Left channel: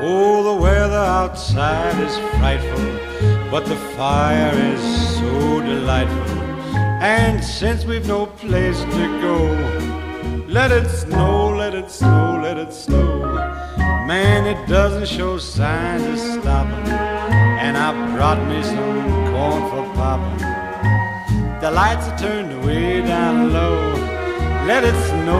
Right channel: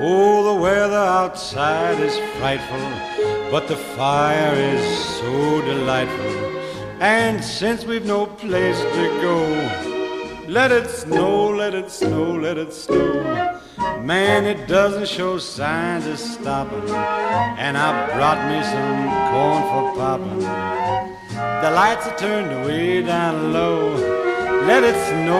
Oh, the weather outside is frightful, but the fire is so delightful. And since we've no place to go, let it snow, let it snow, let it snow. Man, it doesn't show signs of stopping, and I brought me some corn for popping. The lights are turned way down low. Let it snow.